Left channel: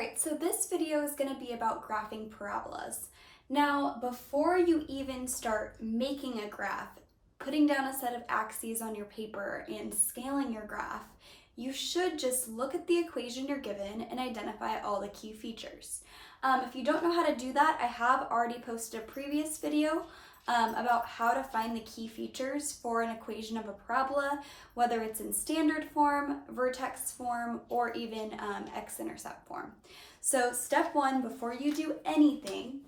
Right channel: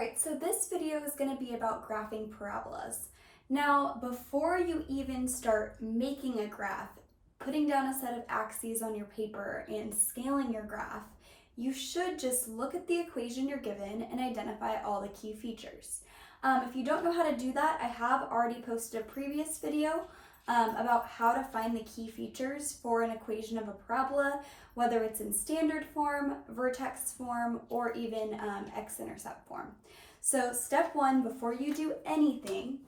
Alright, so this video is going to be about graphing parabolas. Now, before you even start making a graph, putting down a set of axes on your paper and scaling your graph, you should just look at the equation you're given and identify all the key features. If you don't know how to do that, I have already posted a previous video about how to find the key features for an equation of a parabola, whether it's in standard form, vertex form, or even X-intercept form. So step one, before you do anything,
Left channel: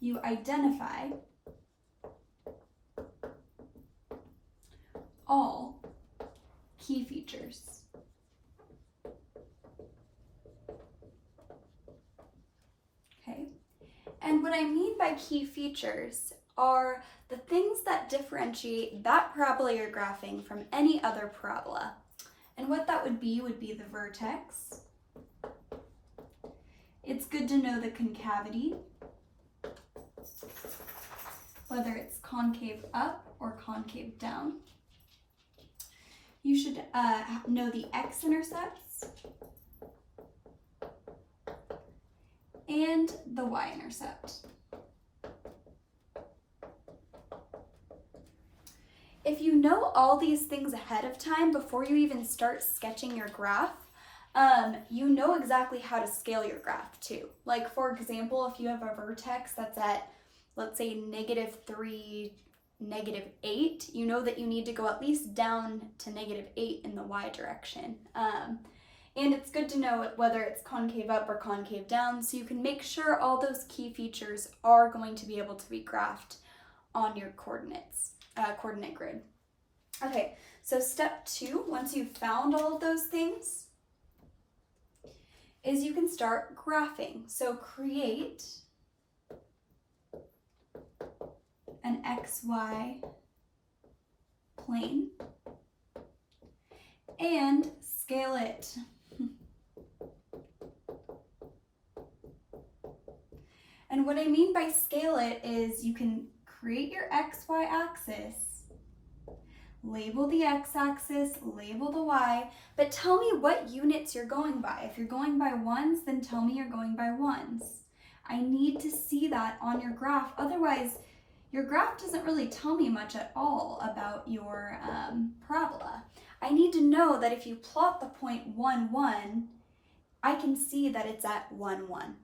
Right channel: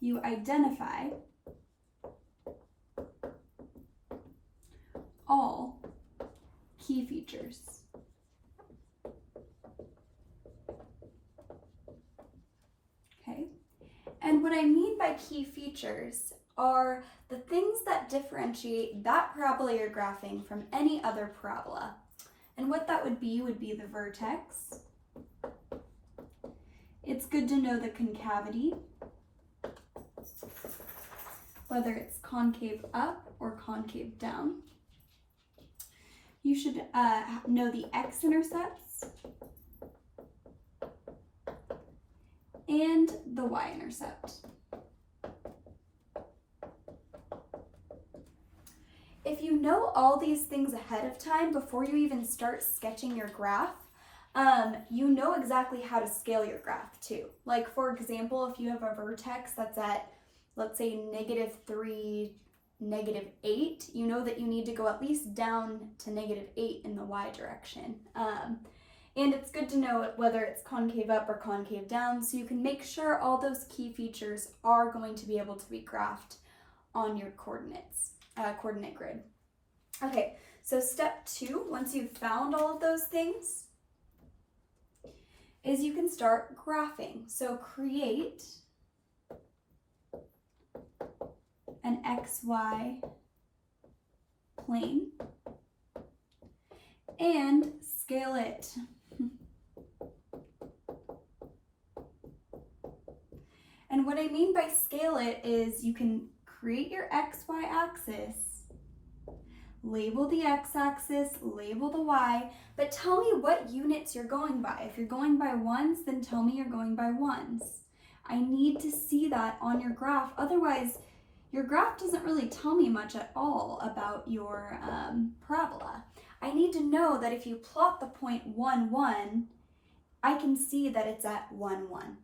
you identify all key features. Okay. And what I mean by key features are the things that differentiate that parabola you're graphing from any other parabola. And what that would be the vertex. It's good to know the concavity, whether it's concave up or concave down. You should know the X-intercepts and the y-intercept. If you know all these things ahead of time before you even start sketching your graph, you know exactly how to scale your graph too. Like for example, if you have a vertex that's at, let's say, -3, -8, you know that you need to go at least down to -8 in the y direction. And it's good to know whether it's concave up or concave down so you can make sure all those key features are going to be able to be graphed on your coordinate grid. Okay, so step two, once you've found all of those things, is you can start graphing. So create an XY plane and scale it. And what I mean by scale it is you can create your XY axis, label the x-axis, label the y, but tell me what units you're going by. If you're going by ones, then tell me you're going by ones. I need to see that on your graph. Otherwise, your graph doesn't really tell me much at all about your parabola. I need to know that if you plot the point 1, 1, I can see that it's at 1, 1.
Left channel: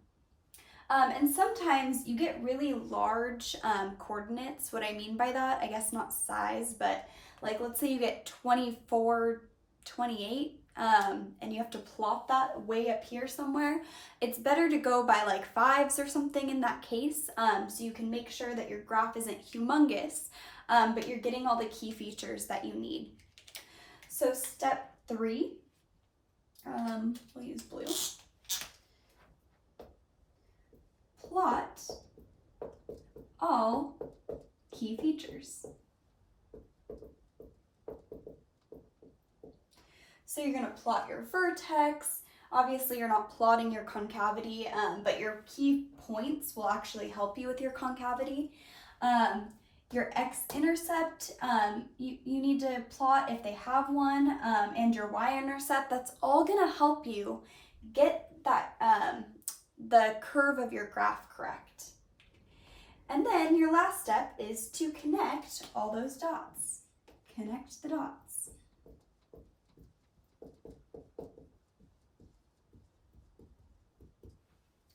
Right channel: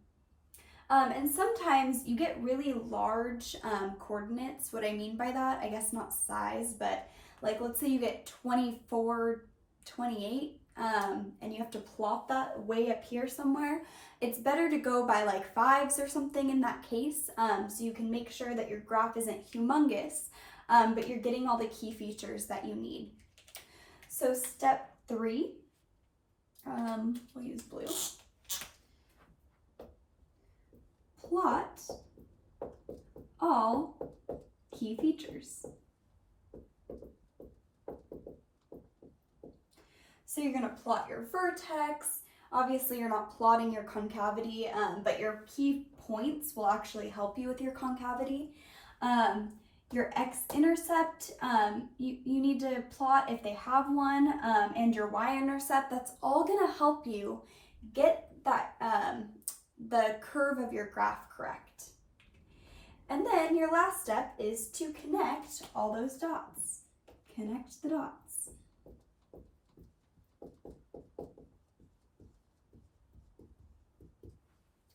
And sometimes you get really large coordinates. What I mean by that, I guess not size, but like let's say you get 24, 28, and you have to plot that way up here somewhere. It's better to go by like 5s or something in that case, so you can make sure that your graph isn't humongous, but you're getting all the key features that you need. So step 3, we'll use blue. Plot all key features. So you're going to plot your vertex. Obviously, you're not plotting your concavity, but your key points will actually help you with your concavity. Your X-intercept, you need to plot if they have one, and your y-intercept. That's all going to help you get that the curve of your graph correct. And then your last step is to connect all those dots. Connect the dots.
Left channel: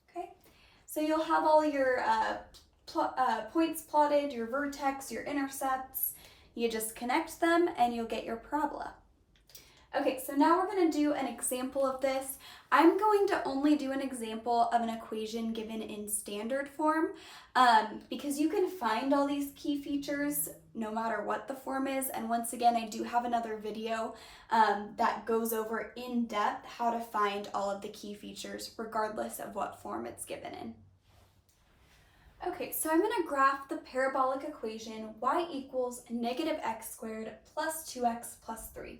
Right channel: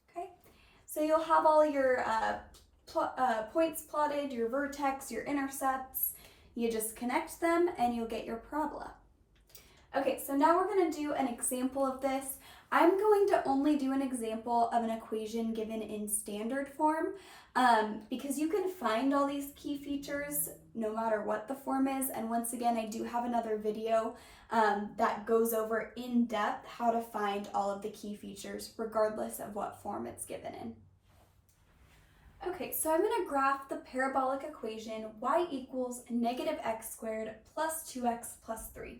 Okay, so you'll have all your points plotted, your vertex, your intercepts. You just connect them and you'll get your parabola. Okay, so now we're going to do an example of this. I'm going to only do an example of an equation given in standard form because you can find all these key features no matter what the form is. And once again, I do have another video that goes over in depth how to find all of the key features regardless of what form it's given in. Okay, so I'm going to graph the parabolic equation y equals -x² plus 2x plus 3.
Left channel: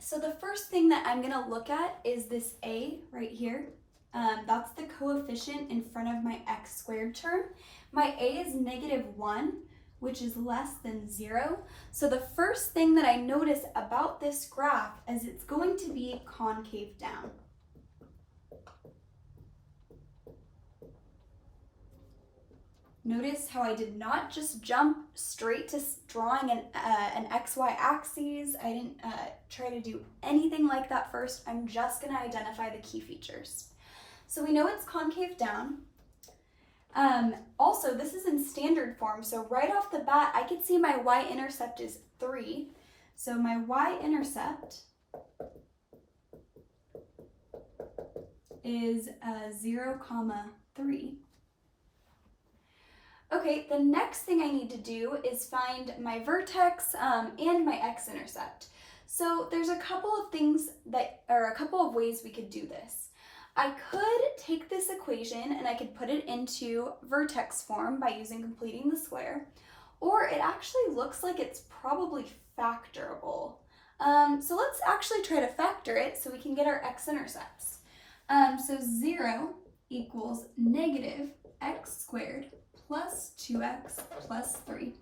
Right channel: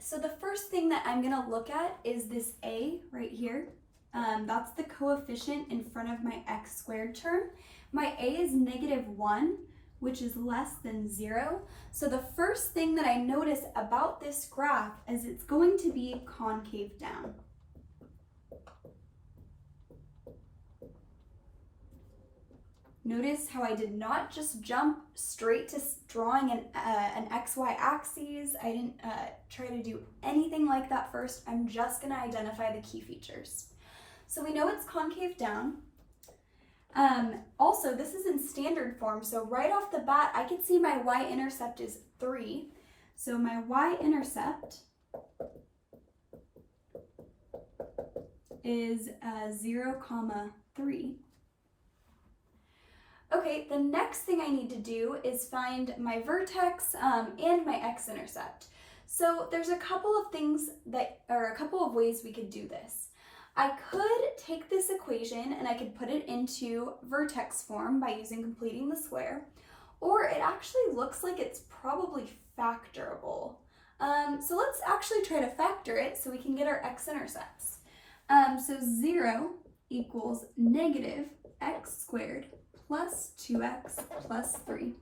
So the first thing that I'm going to look at is this a right here. That's the coefficient in front of my x² term. My a is -1, which is less than 0. So the first thing that I notice about this graph is it's going to be concave down. Notice how I did not just jump straight to drawing an XY axis. I didn't try to do anything like that first. I'm just going to identify the key features. So we know it's concave down. Also, this is in standard form, so right off the bat, I can see my y-intercept is 3. So my y-intercept is 0, 3. Okay, the next thing I need to do is find my vertex and my x-intercept. So there's a couple of things a couple of ways we could do this. I could take this equation and I could put it into vertex form by using completing the square, or it actually looks like it's probably factorable. So let's actually try to factor it so we can get our x-intercepts. So 0 equals negative x squared plus 2x plus 3.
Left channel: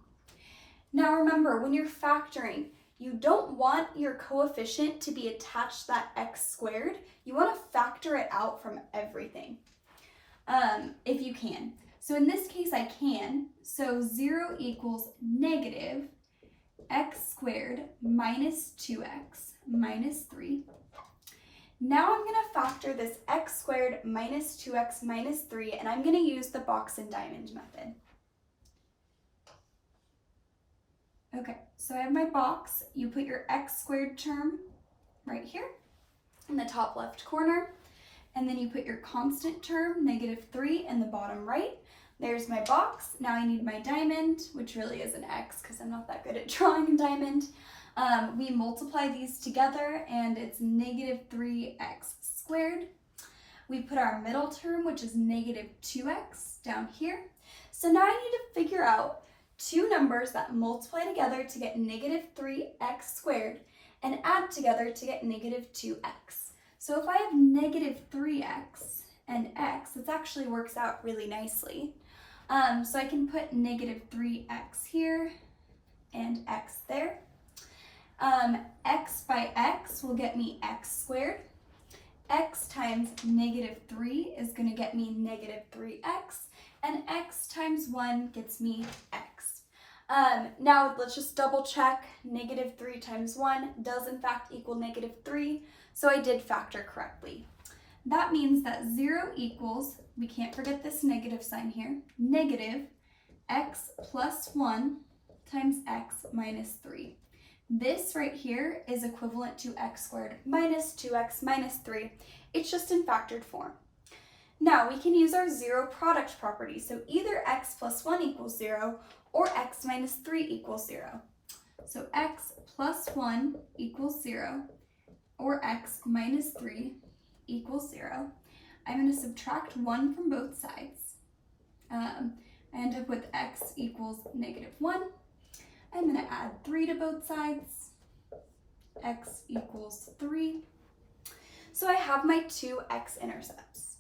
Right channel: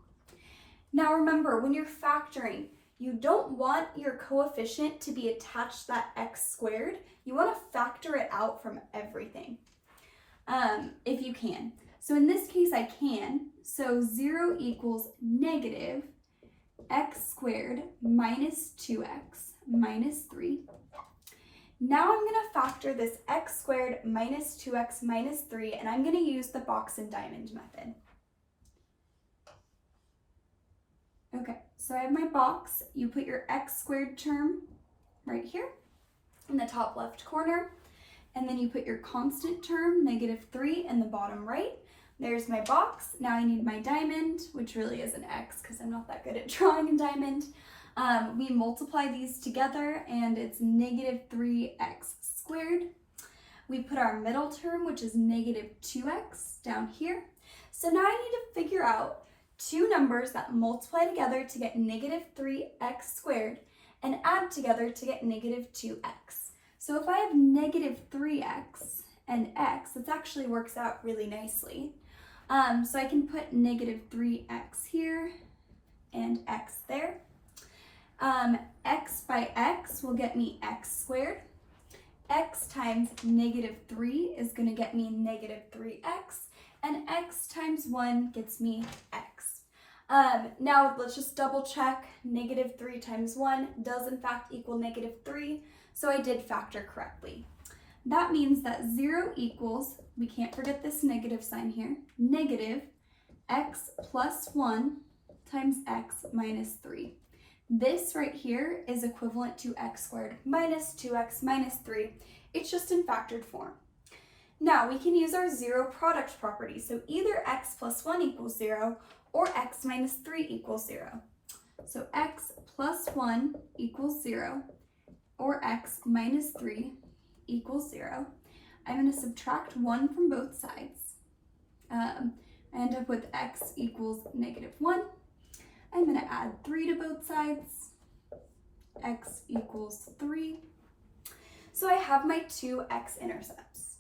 Now remember, when you're factoring, you don't want your coefficient to be attached to that x squared. You want to factor it out from everything, if you can. So in this case, I can. So 0 equals negative x squared minus 2x minus 3. Now I'm going to factor this x squared minus 2x minus 3, and I'm going to use the box and diamond method. Okay, so I have my box. You put your x squared term right here in the top left corner, and then you put your constant term, negative 3, in the bottom right. There's my box. Now I need my diamond, which really is an x because I'm not that good at drawing a diamond. We multiply these together and it's negative 3x squared. We put our middle term, which is negative 2x, down here. So now I need to figure out two numbers that multiply together to get negative 3x squared and add together to get negative 2x. So if I have negative 3x and x, this actually works out really nicely. So I can put negative 3x here and x there. X by x will get me x squared. X times negative 3 is going to get me negative 3x. And x times 1 gets me x. Now let's just double check. Negative 3 times 1 does in fact equal negative 3. So I did factor correctly. That means that 0 equals, we can't forget this negative sign here, negative x plus 1 times x minus 3. This right here is equivalent to x squared minus 2x minus 3. It's just in factored form. Now we can use our zero product property. So either x plus 1 equals 0 or x minus 3 equals 0. So x plus 1 equals 0 or x minus 3 equals 0. I'm going to subtract 1 from both sides. I end up with x equals negative 1. I'm going to add 3 to both sides. X equals 3. So I have my two x-intercepts.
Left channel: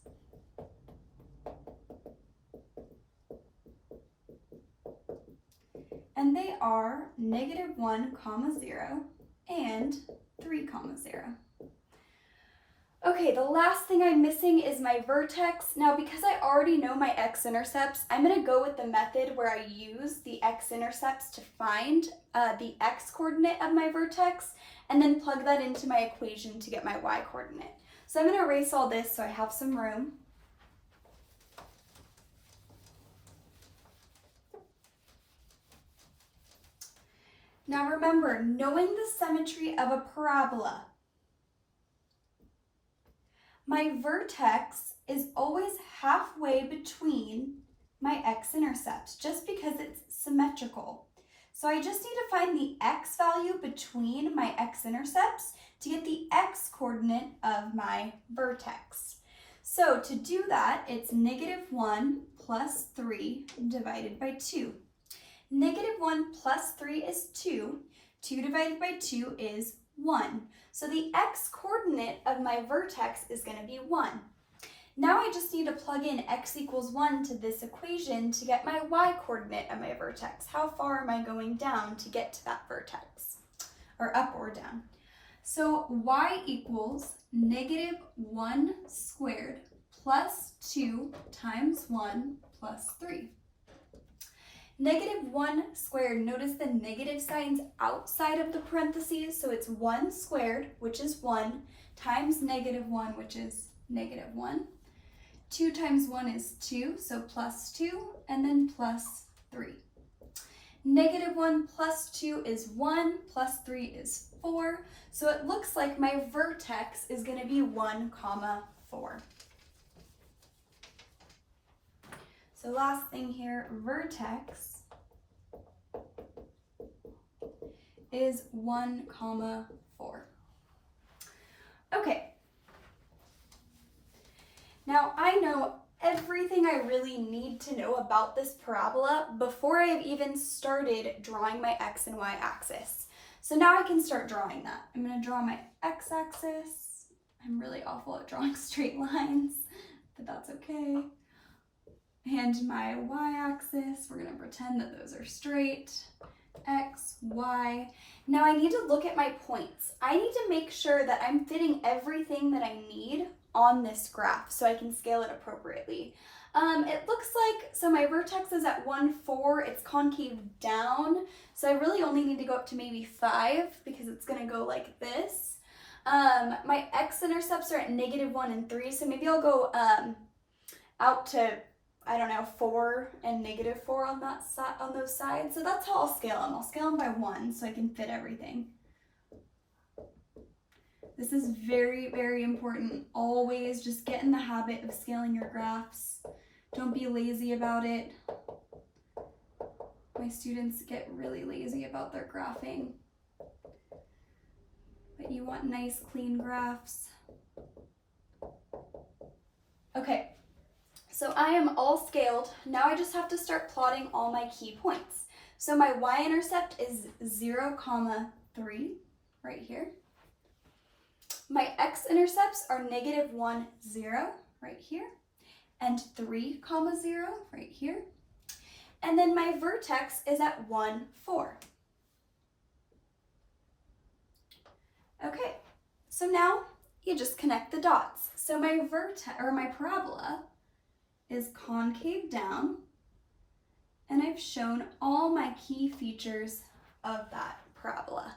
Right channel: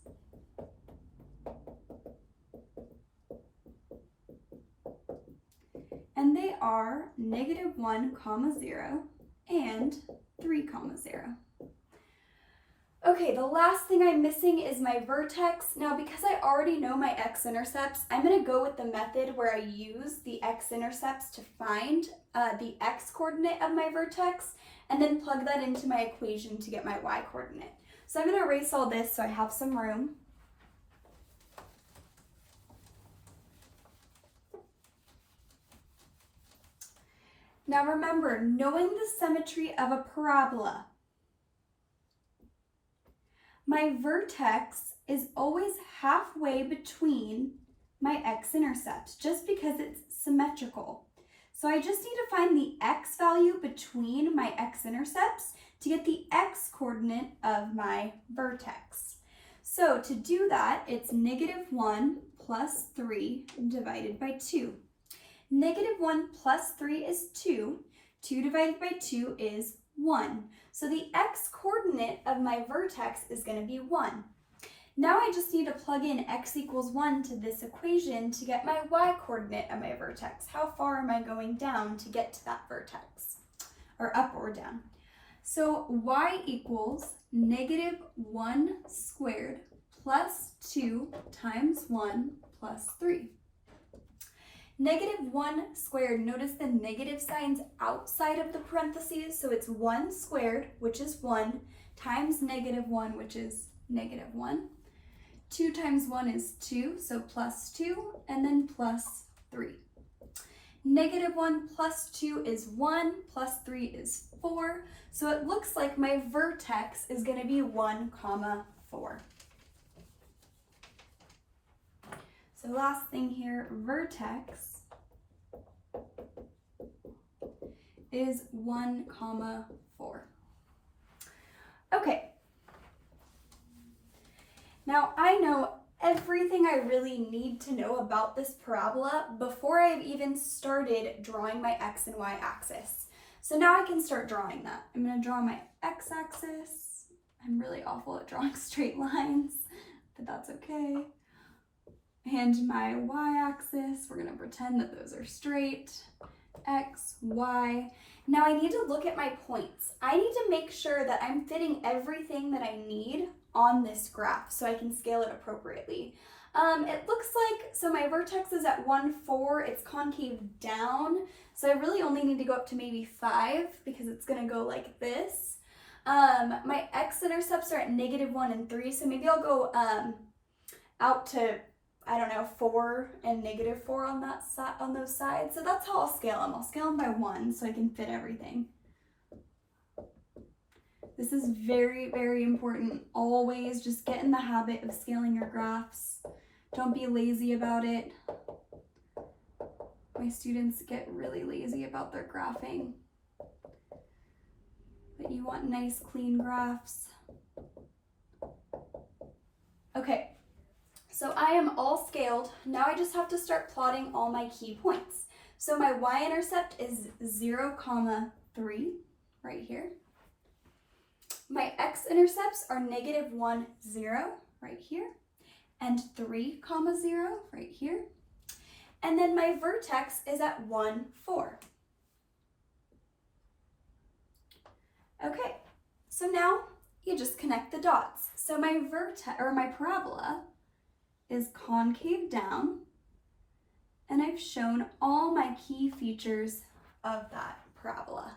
And they are negative 1, 0 and 3, 0. Okay, the last thing I'm missing is my vertex. Now, because I already know my x-intercepts, I'm going to go with the method where I use the x-intercepts to find the x-coordinate of my vertex and then plug that into my equation to get my y-coordinate. So I'm going to erase all this so I have some room. Now remember, knowing the symmetry of a parabola, my vertex is always halfway between my x-intercepts just because it's symmetrical. So I just need to find the x value between my x-intercepts to get the x-coordinate of my vertex. So to do that, it's negative 1 plus 3 divided by 2. Negative 1 plus 3 is 2. 2 divided by 2 is 1. So the x-coordinate of my vertex is going to be 1. Now I just need to plug in x equals 1 to this equation to get my y-coordinate of my vertex. How far am I going down to get to that vertex? Or up or down? So y equals negative 1 squared plus 2 times 1 plus 3. -1 squared, notice the negative signs outside of the parentheses, so it's 1 squared, which is 1, times -1, which is -1. 2 times 1 is 2, so plus 2, and then plus 3. -1 plus 2 is 1, plus 3 is 4, so it looks like my vertex is going to be 1, 4. So last thing here, vertex is 1, 4. Okay. Now I know everything I really need to know about this parabola before I've even started drawing my x and y axis. So now I can start drawing that. I'm going to draw my x-axis. I'm really awful at drawing straight lines, but that's okay. And my y-axis, we're going to pretend that those are straight. X, y. Now I need to look at my points. I need to make sure that I'm fitting everything that I need on this graph so I can scale it appropriately. It looks like, so my vertex is at 1, 4, it's concave down, so I really only need to go up to maybe 5 because it's going to go like this. My x-intercepts are at -1 and 3, so maybe I'll go out to, I don't know, 4 and -4 on that on those sides. So that's how I'll scale them. I'll scale them by 1 so I can fit everything. This is very, very important. Always just get in the habit of scaling your graphs. Don't be lazy about it. My students get really lazy about their graphing. But you want nice, clean graphs. Okay. So I am all scaled. Now I just have to start plotting all my key points. So my y-intercept is 0, 3 right here. My x-intercepts are -1, 0 right here, and 3, 0 right here. And then my vertex is at 1, 4. Okay, so now you just connect the dots. So my my parabola is concave down, and I've shown all my key features of that parabola.